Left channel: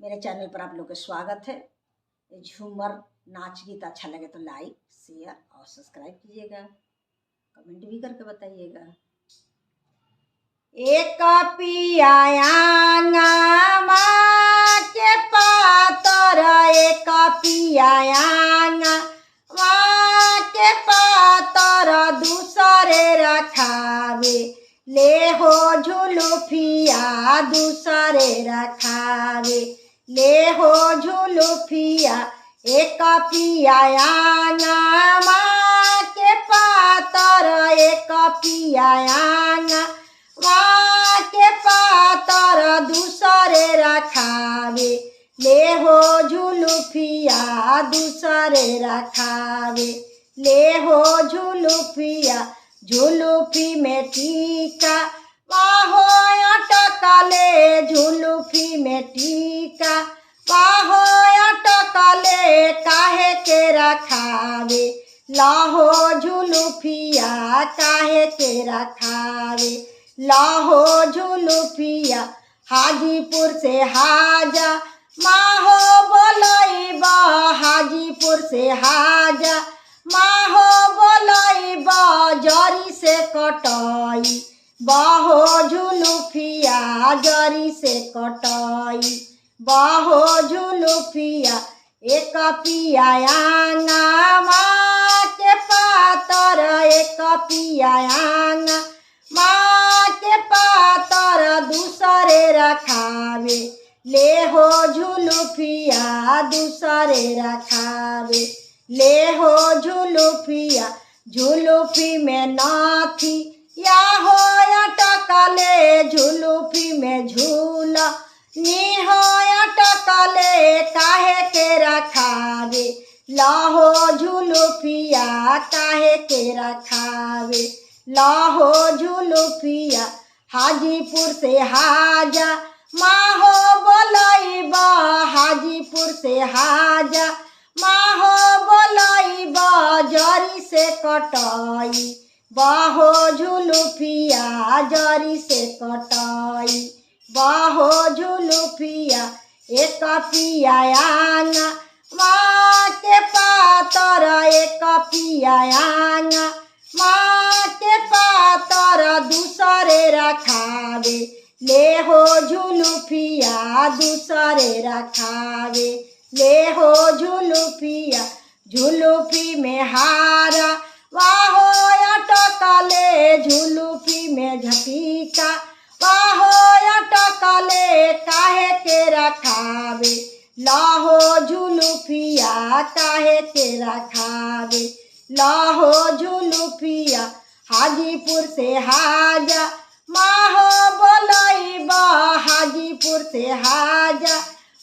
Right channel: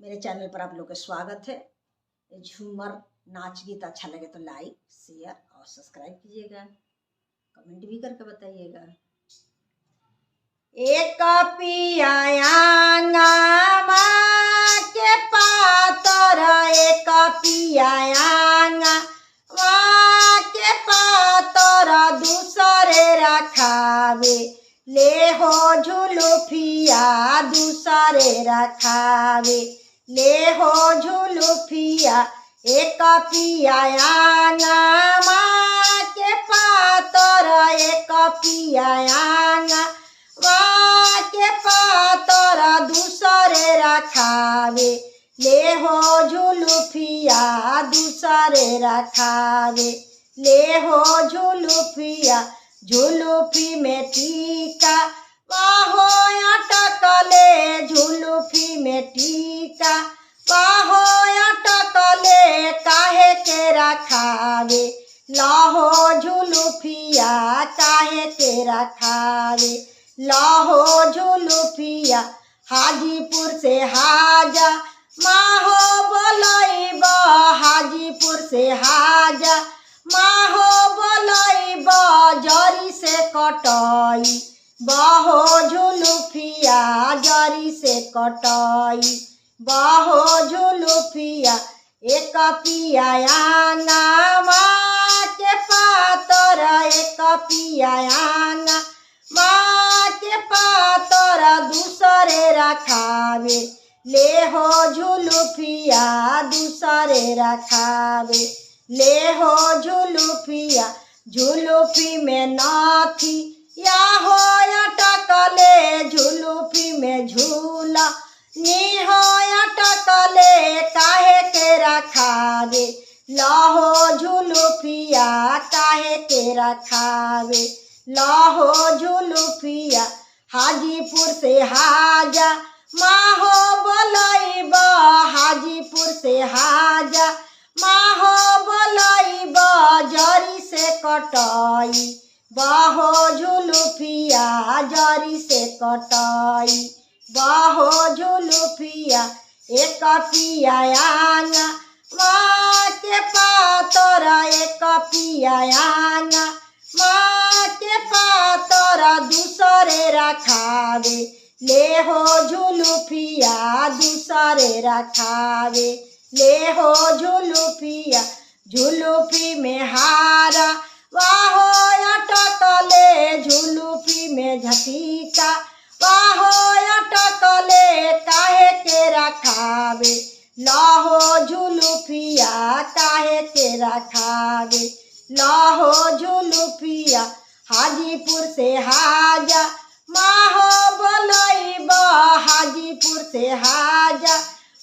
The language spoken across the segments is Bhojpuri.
मेरे चैनल पर आप लोग का स्वागत है। झूमर नाच गीत अच्छा लगे तो लाइक शेयर और सब्सक्राइब कीजिएगा, कमेंट भी करके बताइएगा। एक पियायाना माँ के पातर, एक पियायाना माँ के पातर दूसरे रखावे, ले हो झुलुफिया दूसरे रखावे, ले हो झुलुफिया। एक पियायाना माँ के पातर, एक पियायाना माँ के पातर दूसरे रखावे, ले हो झुलुफिया दूसरे रखावे, ले हो झुलुफिया। झुलुफी में टीका बाहो अटकले, झुलुफी में टीका बाहो अटकले, काहे के रखावे, लाहो झुलुफिया काहे के रखावे, लाहो झुलुफिया। हाजीपुर से हाजा माहो बोलैबा, हाजीपुर से हाजा माहो बोलैबा, जरी से कटाई बाहो झुलुफिया, जरी से कटाई बाहो झुलुफिया। एक पियायाना माँ के पातर, एक पियायाना माँ के पातर दूसरे रखावे, ले हो झुलुफिया दूसरे रखावे, ले हो झुलुफिया। झुलुफी में नाथी या हो अटकले, झुलुफी में झूला नी हो अटकले, काहे के रखावे, लाहो झुलुफिया काहे के रखावे, लाहो झुलुफिया। हाजीपुर से हाजा माहो बोलैबा, हाजीपुर से हाजा माहो बोलैबा, जरी से कटाई बाहो झुलुफिया, जरी से कटाई बाहो झुलुफिया। एक पियायाना माँ के पातर, एक पियायाना माँ के पातर दूसरे रखावे, ले हो झुलुफिया दूसरे रखावे, ले हो झुलुफिया। झुलुफी में हारा वाहो अटकले, झुलुफी में झटिका वाहो अटकले, काहे के रखावे, लाहो झुलुफिया काहे के रखावे, लाहो झुलुफिया। हाजीपुर से हाजा माहो बोलैबा, हाजीपुर से हाजा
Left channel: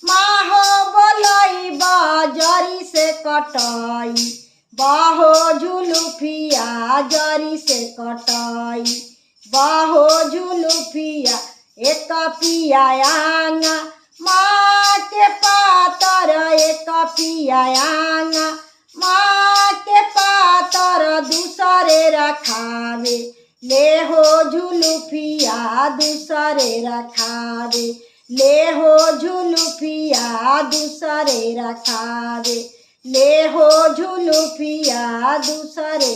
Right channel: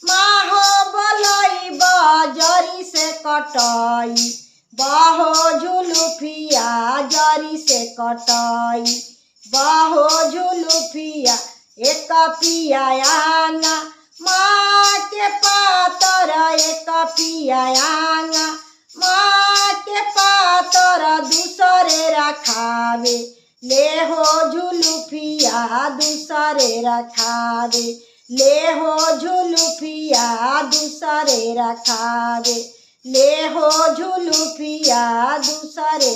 माहो बोलैबा, जरी से कटाई बाहो झुलुफिया, जरी से कटाई बाहो झुलुफिया। एक पियायाना माँ के पातर, एक पियायाना माँ के पातर दूसरे रखावे, ले हो झुलुफिया दूसरे रखावे, ले हो झुलुफिया दूसरे रखावे, ले हो झुलुफिया दूसरे।